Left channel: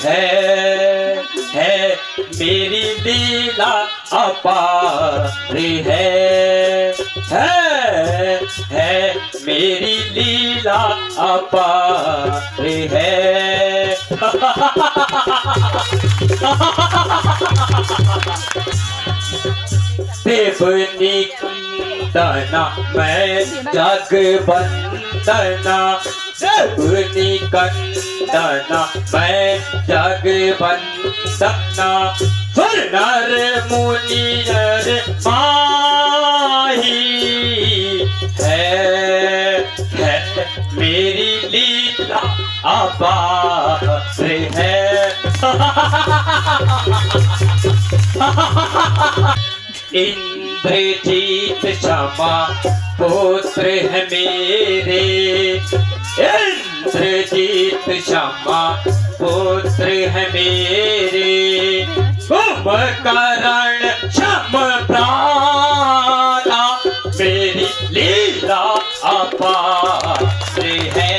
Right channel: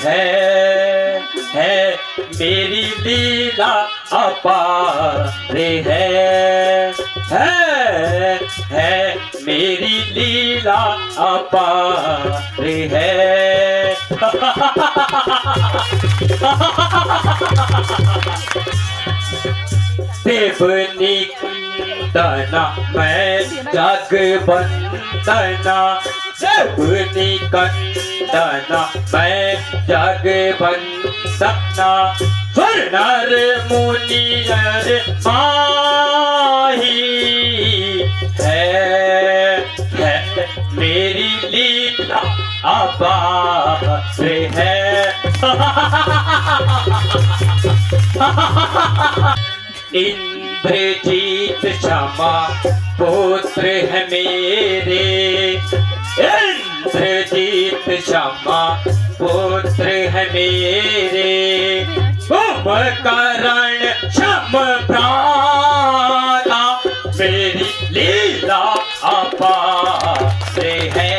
है मेरी लीला अपार है मेरी लीला अपार है। देवनी कंदना मैं जग बंदना, देवनी कंदना मैं जग बंदना, सुर नर मुनि नर माही है मेरी लीला अपार है। इंद्रजीत क्षमा पुत्र है मेरे, इंद्रजीत क्षमा पुत्र है मेरे, कुंभकर्ण क्षम प्राणा मेरी लीला अपार है।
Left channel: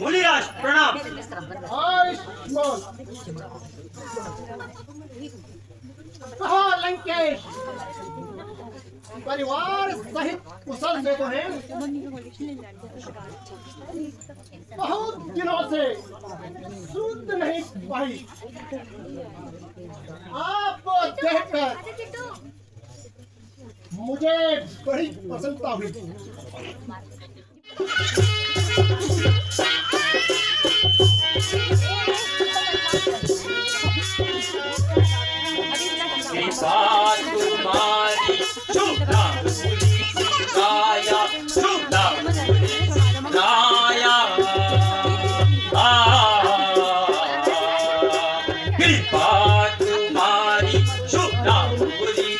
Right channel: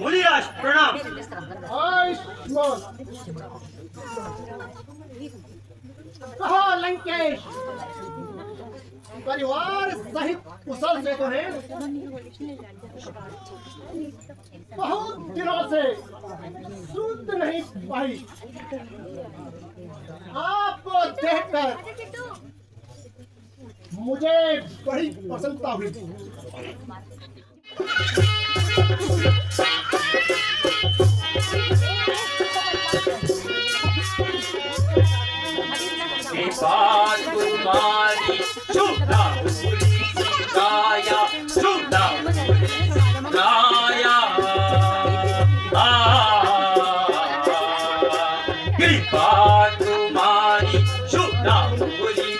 मुनिराज प्रणाम। कहो लंकेश, परिवार सहित कुशल से तो है? बहुत दिनों से सूत नहीं पाई, आपको देखकर मुझे बड़ी प्रसन्नता हुई। तुम्हारी चुना पूरी गाया, चुना पूरी गाया, कृपा तुम्हारी चुना पूरी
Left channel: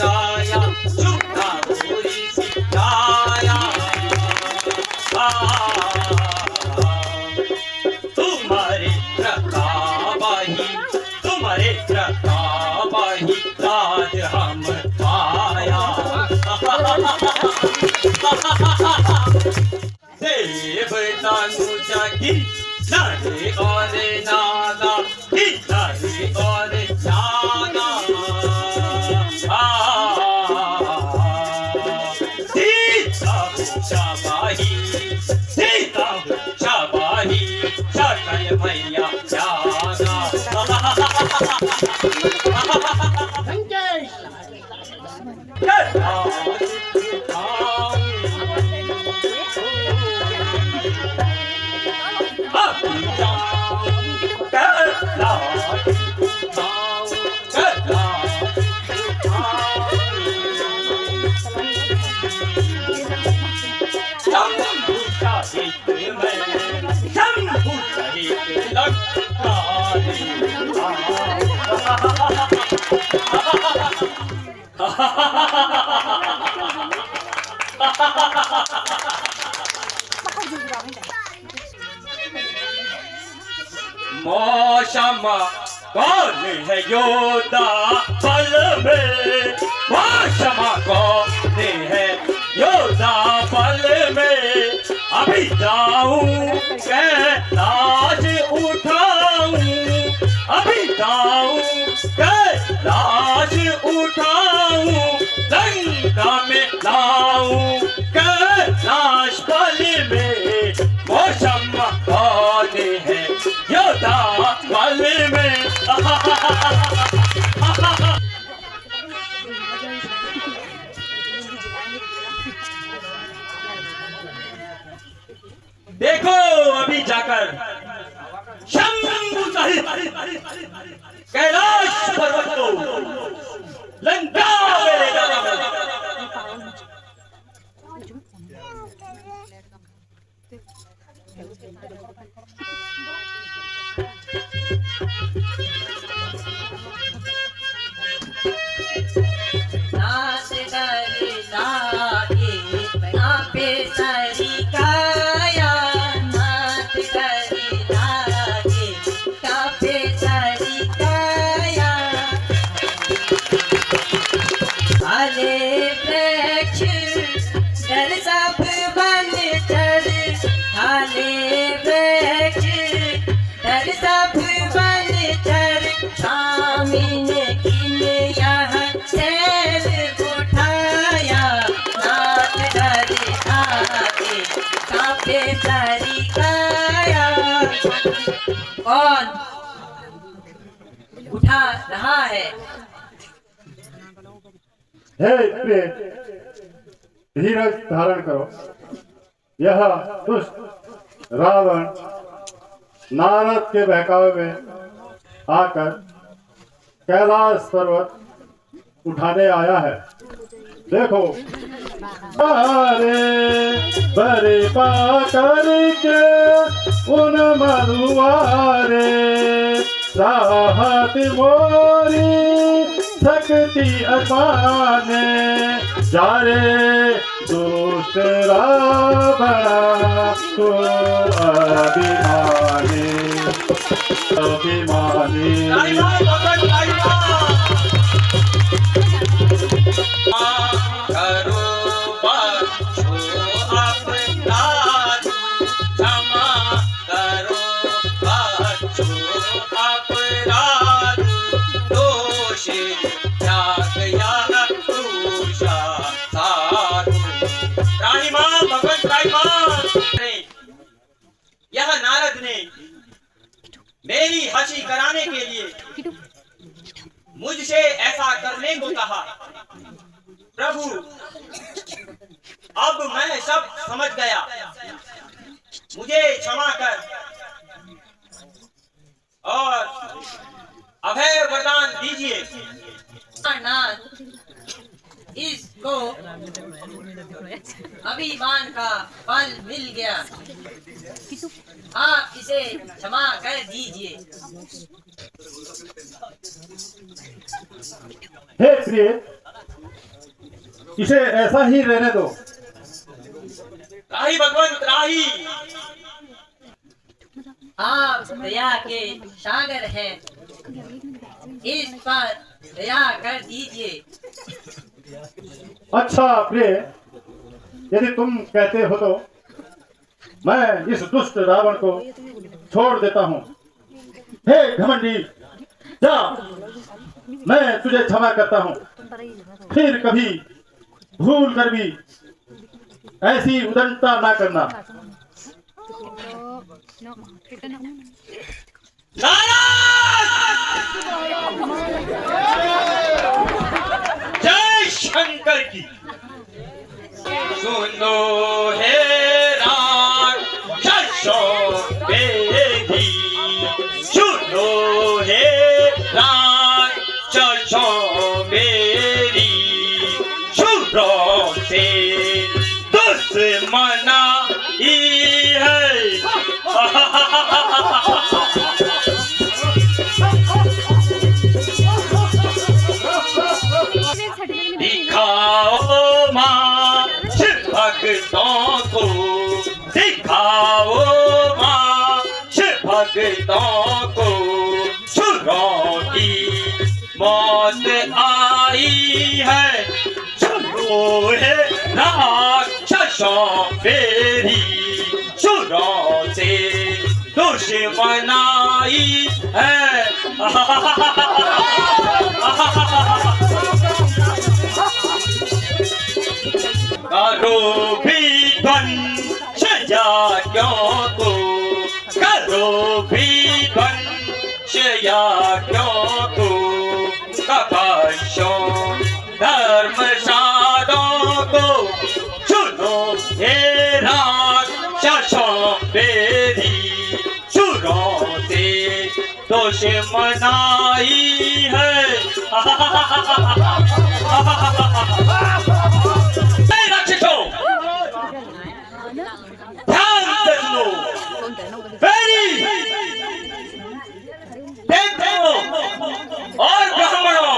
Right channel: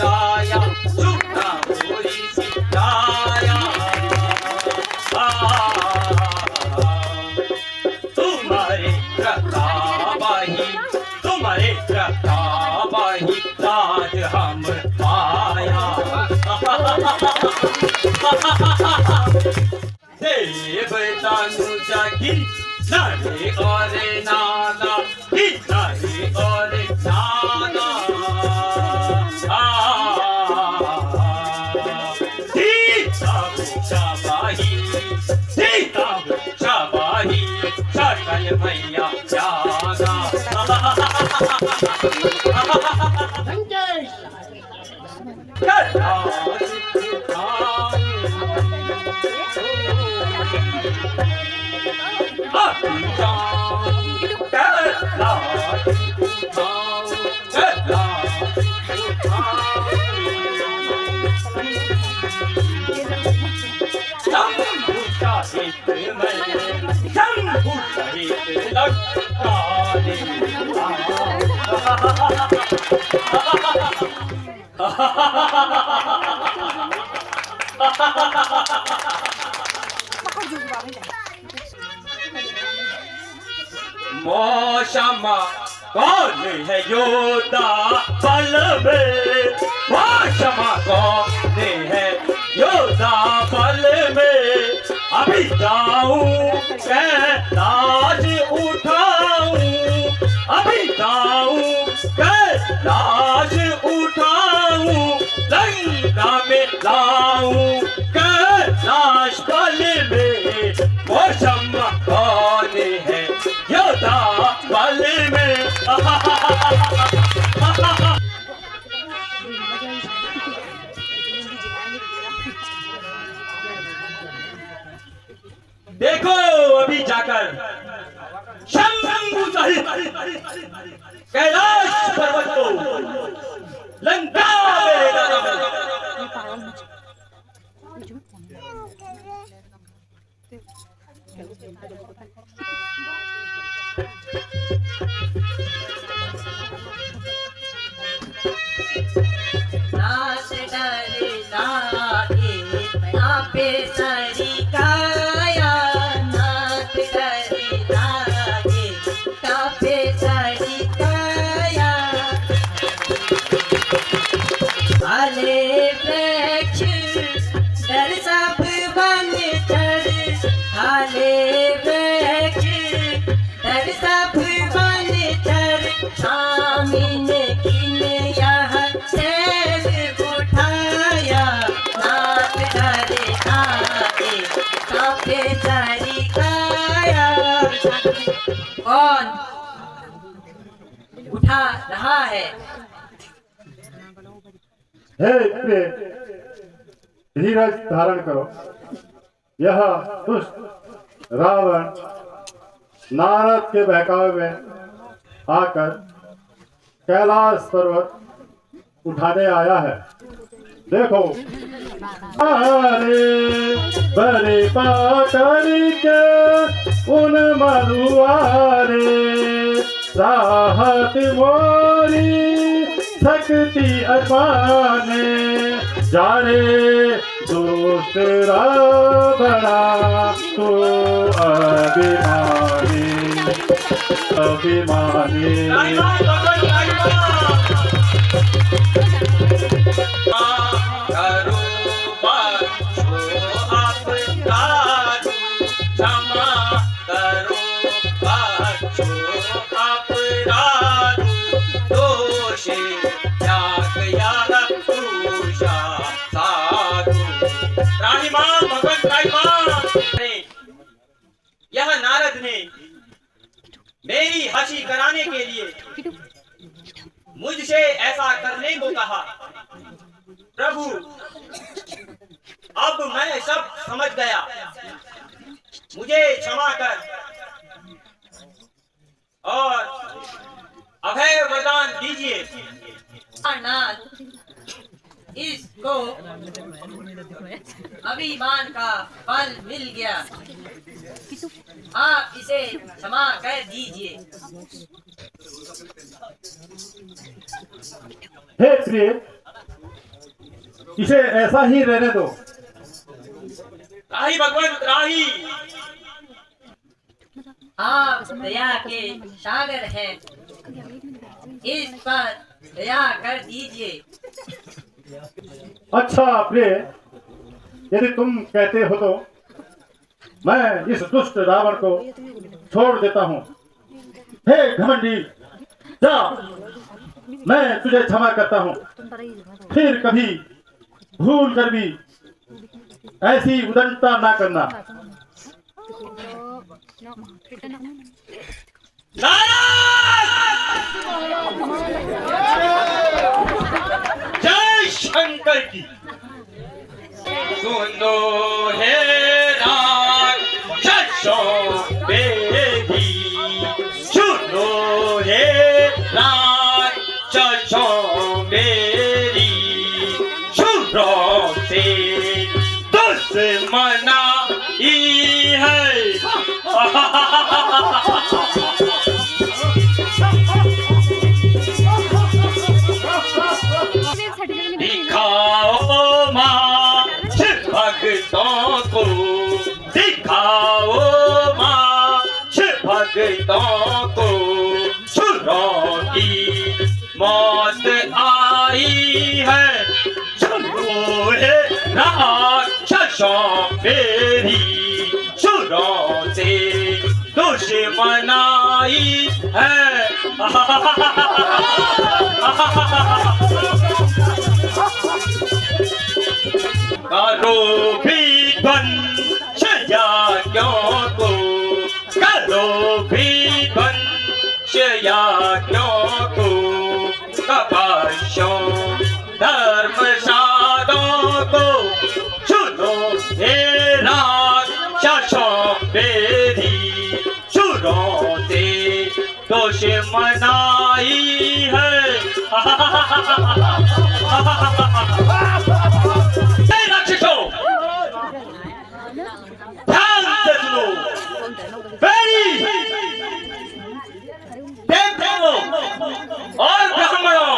गाया, चुना पूरी गाया, तुम्हारे प्रताप ही, तुम्हारे प्रताप ही राज हम पाया। देव तनुजा गिर नारे और नाना, नारे और नाना, सीता शाबाही, सीता शाबाही, सकल मैया जागा। लंकेश, मौसमा कौन है योद्धा पल में, मौसमा कौन है योद्धा पल में, अभी जाऊं कैलाश उठाऊं, अभी जाऊं कैलाश उठाऊं, लंका में लाऊं कैलाश पल में, मौसमा कौन है योद्धा पल में। देखो अभी जाकर शंभू सहित कैलाश पर्वत को लंका नाच डर लागे कांपे सारी काया, नाच डर लागे कांपे सारी काया। आले वृक्ष डर सब बन चढ़, आले वृक्ष डर सब बन चढ़, स्वामिन किन यहाँ सैल उठाया, नाच डर लागे कांपे सारी काया। कौन उठा रहा है? हे प्रिय, धीरज धारण करो। यह दुष्ट रावण नारद के बहकावे में आकर कैलाश पर्वत उठाने आया है। देखो, अरे बड़े पाकर के उन मधुआरे, राहत मोरी शक्ति अपाने, जारे दूसरा बड़ा तो अभिमानी अभिमानी। करो बख्शो अपराध, क्षमा करो बख्शो अपराध, दोष त्याग यार पूषा साधु। रानी माँ, भगवत रानी माँ, यह नारद ने मेरी हंसी कराने के लिए मुझसे ऐसा करने को कहा। प्रभु, अब मैं सब समझ गया, मुझे क्षमा कर और अभय वरदान दीजिए। नाथ, इसको अभिमान का फल मिल गया, आप इसे क्षमा कर दीजिए। हे प्रिय, इसे ऐसा ही रहने दो। राही भगवंत राही, आप दया के सागर हैं, इस पर दया कर दीजिए। अच्छा प्रिय, यदि तुम कहते हो तो मैं इस दुष्ट रावण को छोड़ देता हूँ। हे घमंडी, जा, मैं तुझे क्षमा करता हूँ। फिर कभी भूल कर भी ऐसी उदंडता ना करना। जय शंकर की। सुनो हे राक्षसों बेदी, सुनो हे राक्षसों बेरी, शूरों से दुश्मनाई है। दिखाओ माँ भक्तों को, दिखाओ माँ भक्तों को, सुरों की मौत आई है। चलो हे राक्षसों मेरी, सुरों से दुश्मनाई है। करो भी ध्वंस यज्ञों को, करो भी ध्वंस यज्ञों को, कपशों धर्मशालों को, सुनो हे राक्षसों मेरी, सुरों से दुश्मनाई है। ध्यान से सुनो, मेरी देवताओं और ब्राह्मणों,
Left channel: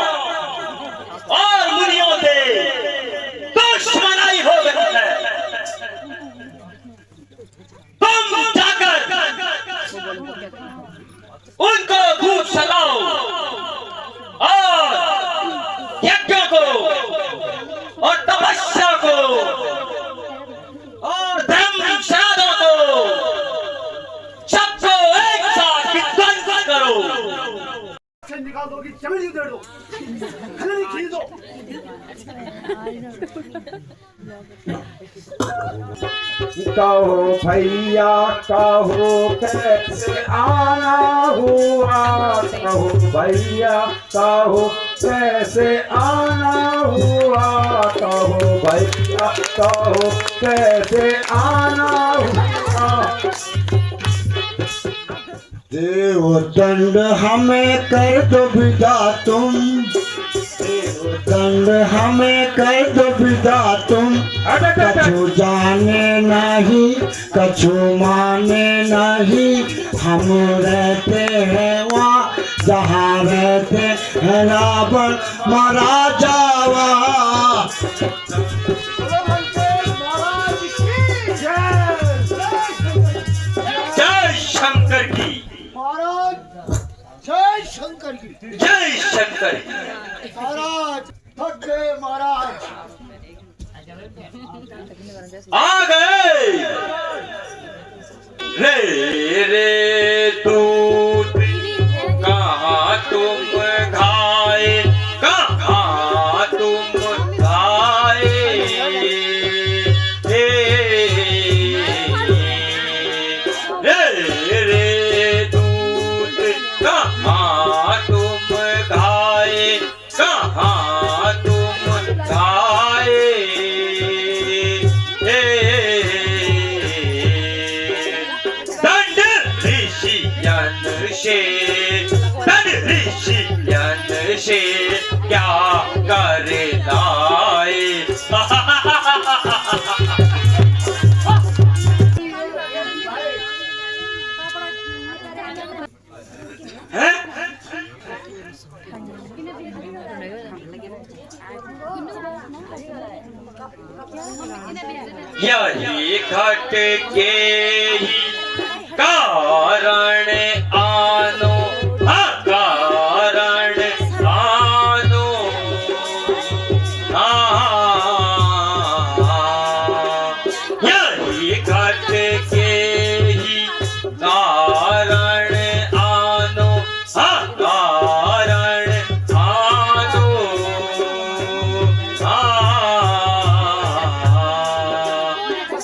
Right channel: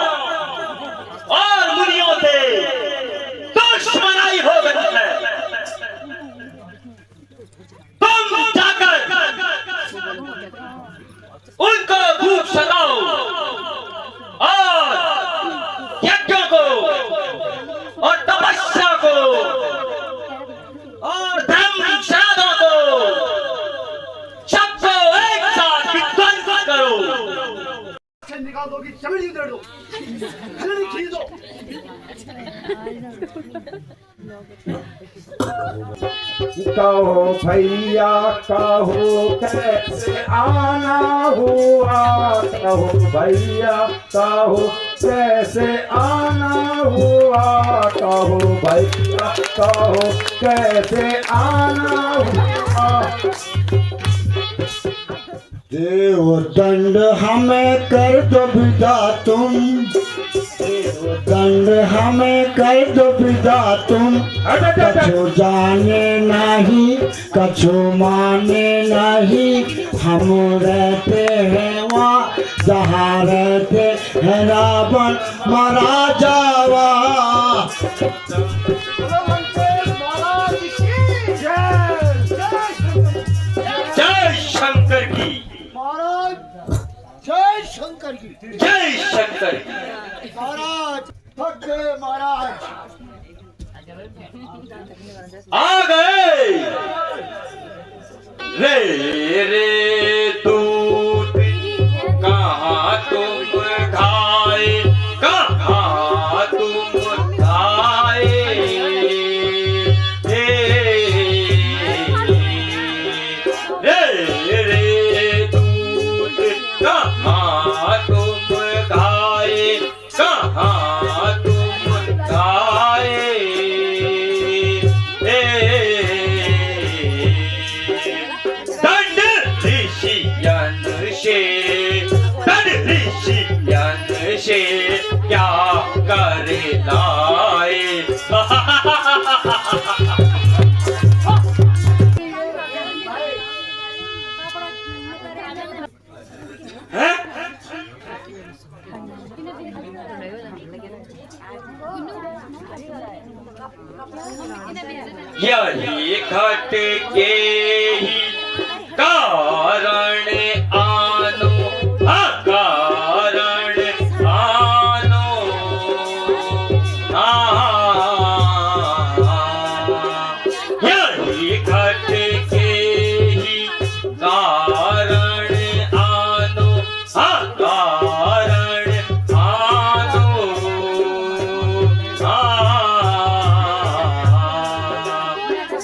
चमेली दे दो, हल्दी खींच दो। कहो भैया कहो कैसे आना हुआ, कहो भैया कहो कैसे आना हुआ, कहो भैया कहो कैसे आना हुआ। देवदंड हमें कर दो विदा तुम, देवदंड हमें कर दो विदा तुम। कछु जाने नहीं कछु माने नहीं, हम रहते हैं वहाँ जहाँ रहते हैं रावण मारा जावा। बोलो लंकेश महाराज की जय। जय शंकर की, महाराज जय शंकर की। जय शंकर। महाराज थक गए महाराज। आ गए रे रे दूत, कहाँ तुम खाए, कहाँ तुम खाए, रे रे दूत, कहाँ तुम खाए, कहाँ तुम खाए, दंड ऋषियन से, दंड ऋषियन से क्या कर लाए। हैं? यही घट के ही कारण आनो, हाँ कारण आनो, यही घट के ही कारण आनो, हाँ कारण आनो,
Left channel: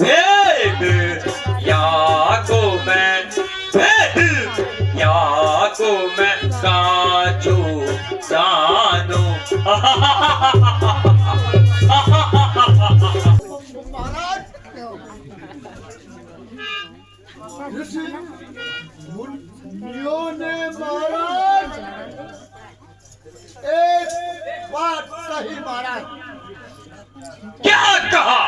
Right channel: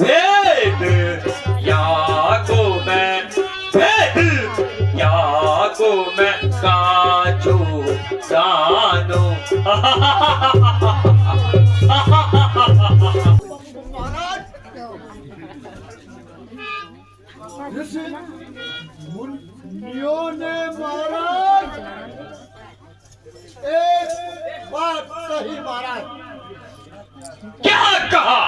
भेद याको मैं, भेद याको मैं काचो जानो। महाराज ऋषि मुनियों ने महाराज एक बात कही महाराज। क्या कहा?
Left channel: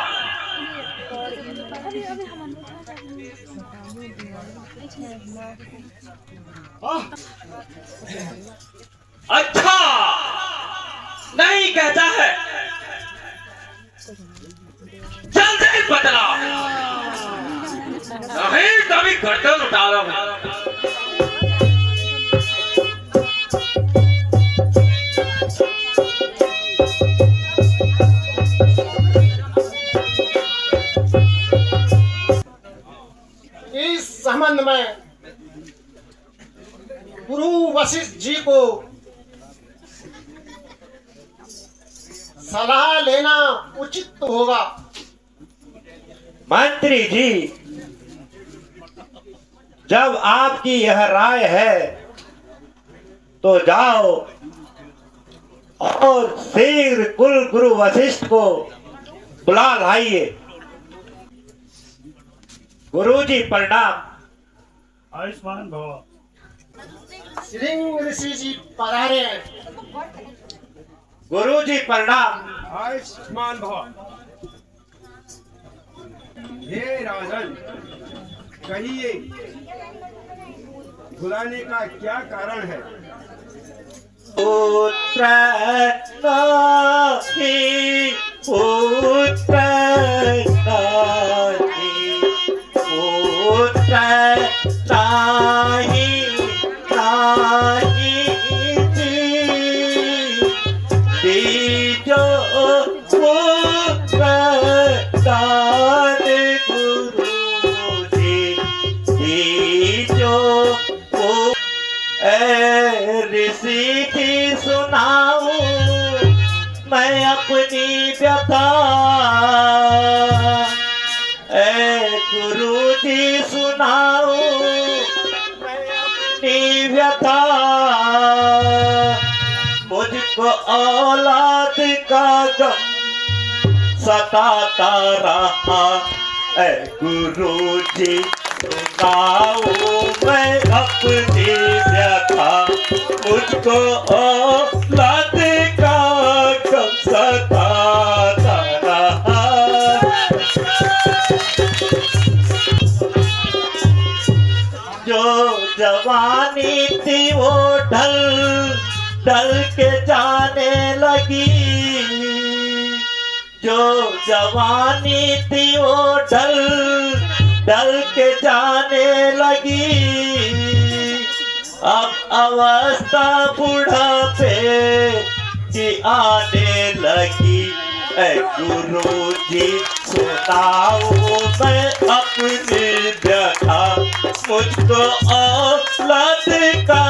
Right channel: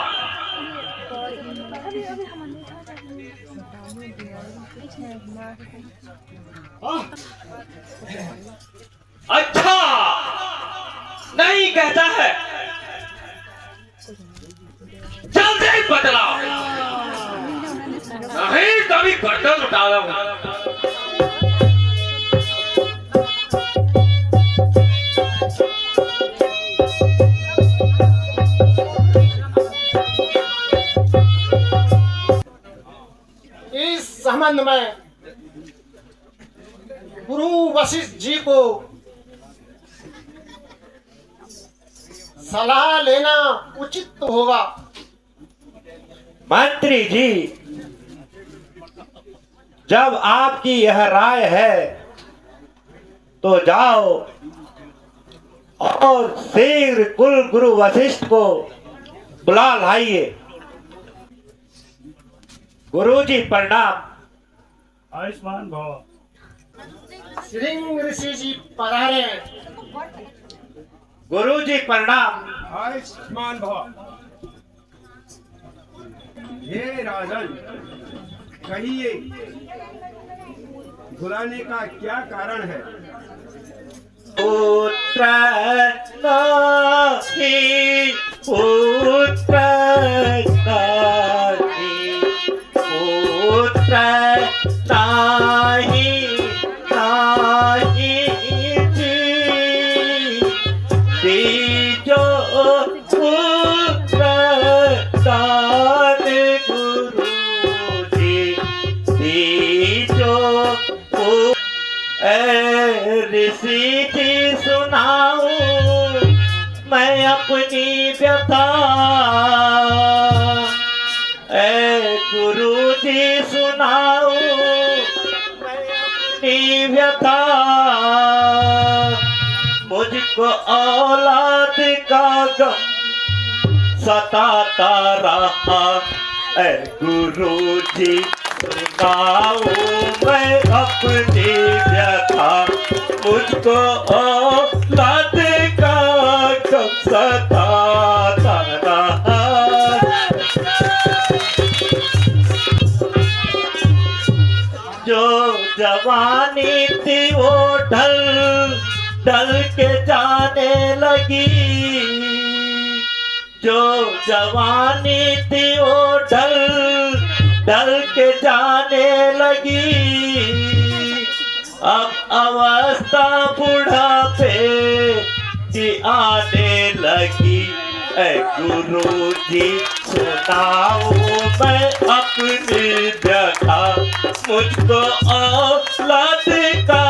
अच्छा नहीं कहता है, जल्दी बदला, नहीं कभी गर्दन उठावा हूं। इस संबंध में गुरु वशिष्ठ जी को सलाह लेना उचित होगा। मंत्री जी, जब आपकी यह राय है तो जाओ और शीघ्र कुल गुरु वशिष्ठ को बुला लाइए। गुरुजी प्रणाम। आयुष्मान भव। श्रृंग ऋषि जी पधारे हैं। गुरुजी प्रणाम। आयुष्मान भव। हे राजन, कहिए बुलाने का क्या कारण है? पुत्र नाहि, पुत्र नाहि, पुत्र नाहि, नाहि जी, तीजो पुत्र दान गुरुजी, तीजो ऋषि की अपनी व्यथा ऐ गुरु जी सुनाओ मैं अपनी व्यथा। मुझको औलाद का गम सताता रहा ऐ गुरु जी सुनाओ मैं अपनी व्यथा। मुझको औलाद का गम सताता रहा। जो जवानी थी वो ढल ढल के जाने लगी। जो जवानी थी वो ढल ढल के जाने लगी। अब अवस्था बुढ़ापे की आने लगी ऐ गुरु जी सुनाओ मैं अपनी व्यथा। मुझको औलाद का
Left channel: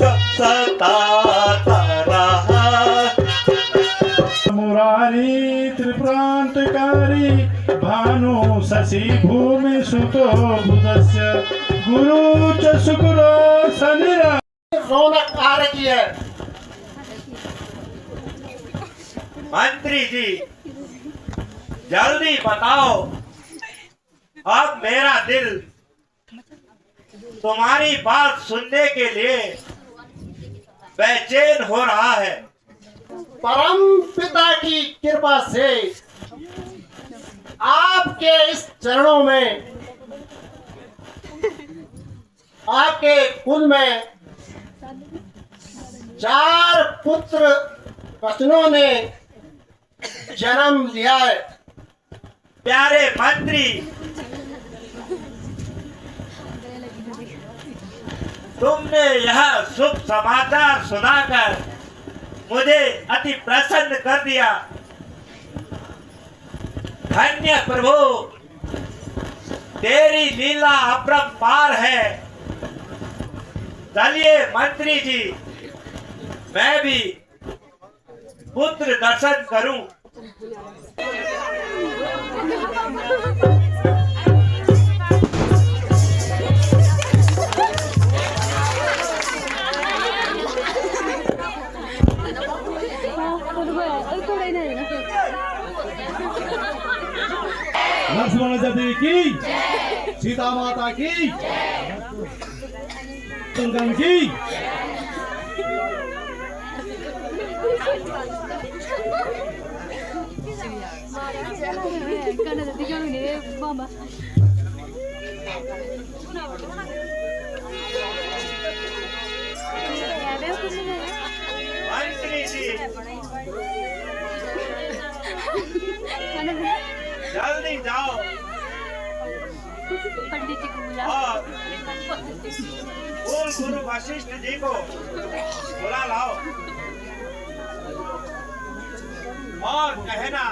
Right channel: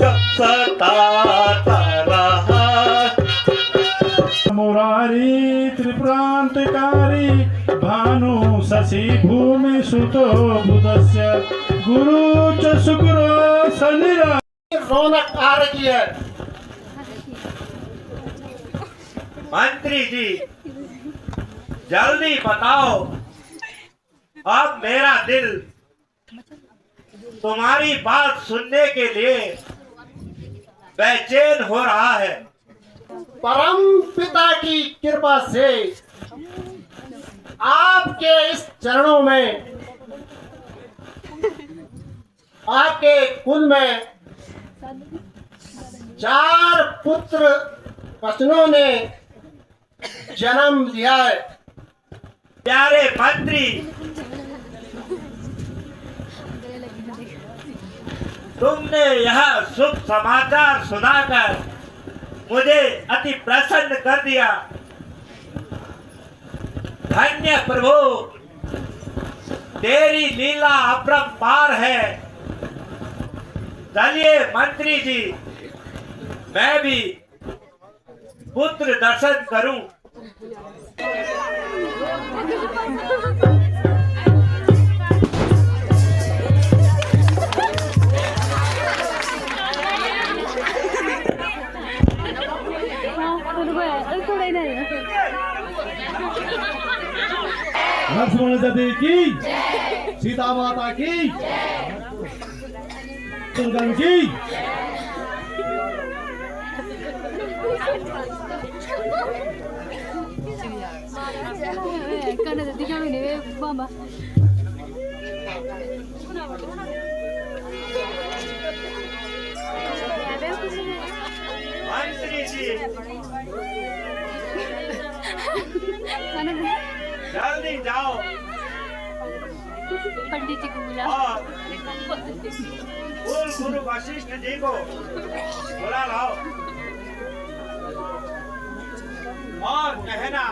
गम सताता रहा। मुरारी त्रिप्रांतकारी भानु शशि भूमि सुतो बुधस्य गुरु च शुक्र शनिरा। रौनक आ रही है। मंत्री जी जल्दी बताओ, अब मेरा दिल तुम्हारी बात सुनने के लिए बेचैन हो रहा है। परम पिता की कृपा से आपके इस चरणों में, आपके कुल में 4 पुत्र रत्नों ने जन्म लिया है। प्यारे मंत्री, तुमने यह शुभ समाचार सुनाकर मुझे अति प्रसन्न कर दिया। धन्य प्रभु, तेरी लीला अपरंपार है। चलिए मंत्री जी, मैं भी पुत्र दर्शन करूं। लक्ष्मण देवी की, सीता माता की, शंकर की। मंत्री जी जल्दी जाओ और कुल गुरु वशिष्ठ जी को बुला लाओ और कहना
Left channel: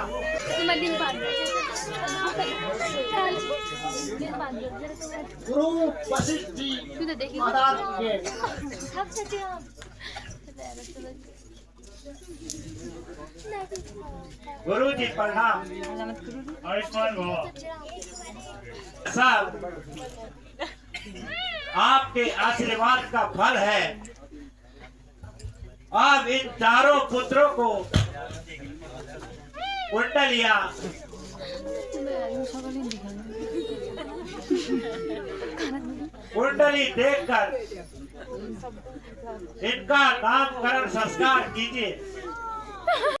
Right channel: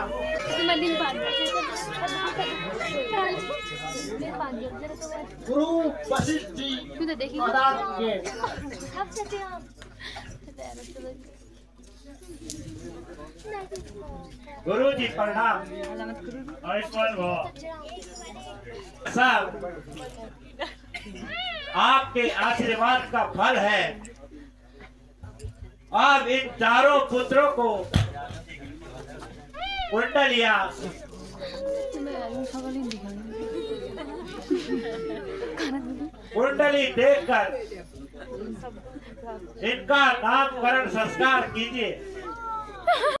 गुरु वशिष्ठ जी महाराज के गुरु जी प्रणाम। सब आपके आशीर्वाद का फल है। अब इन चारों पुत्रों को कुंडलियां कुंडली देखकर इनका नामकरण संस्कार कीजिए।